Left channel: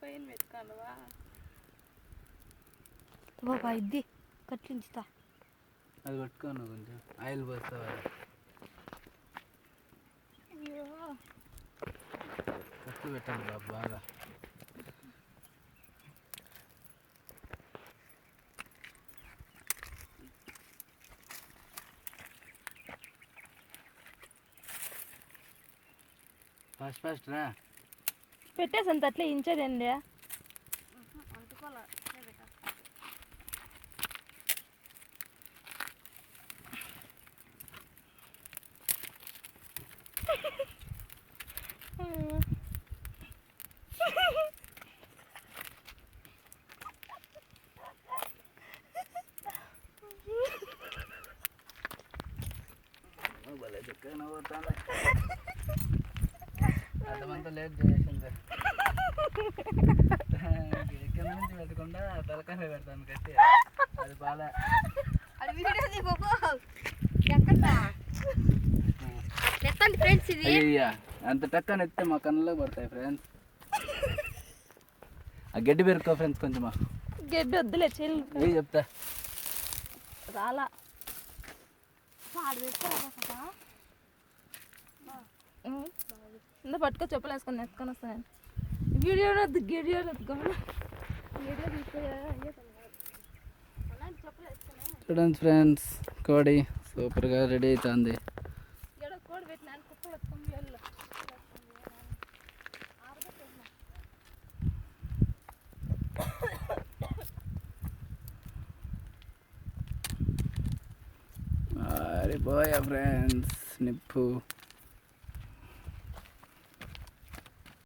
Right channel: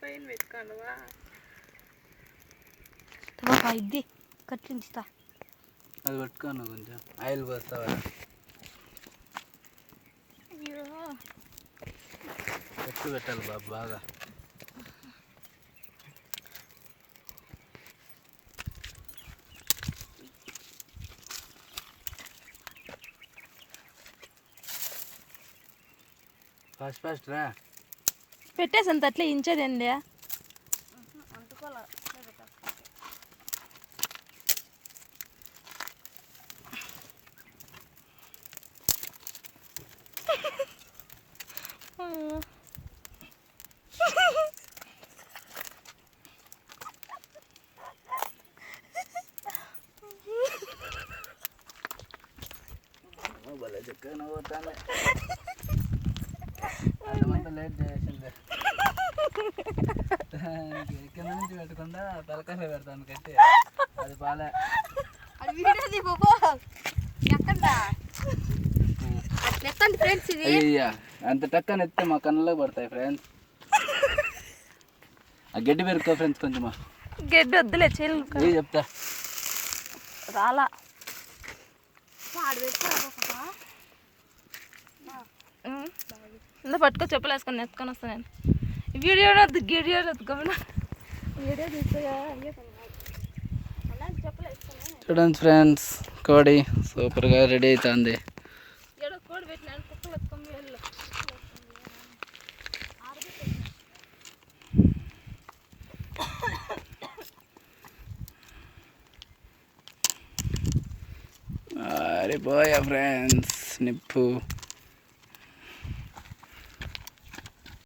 పైన పెట్టుకోండివా ఇది కట్టించుతా. అది పెట్టుకోను కొంచెం ఆయిల్ పోస్తావా? అయ్యో ఎక్కువ పెట్టాలి బాబు బాగా. ఫాస్ట్ రా. పెట్టేసంత అట్లే ఇంచేదేంది? భలే చక్కగా పోతాను. అదంతా లేట్ చేసింది. కింద నుంచి పెట్టకుండా తలకాయలో పెడతాను కట్టి. అది బాలే. అయ్యా అంత టక్కని ఎత్తే మా కన్నులో పడతాయి ఫ్రెండ్స్. ఆ గడ్డి పెరుక్కో ఫ్రెండ్స్ కొంచెమా. గడ్డి వద్దులే చెల్లి చెప్తా. రాలా పట్టుకో చెప్పులు వేసుకొని ఎత్తుకొని వస్తాను నేను. వీడియో వద్దు గిడియో వద్దు గమన చూడండి ఫ్రెండ్స్, కోడి సూపర్గా రెడీ అవుతుంది. కోడి పెట్టిన కుక్కలు ఎత్తుకొని వెళ్ళు. అరే పోయా ఫ్రెండ్స్ నిప్పు.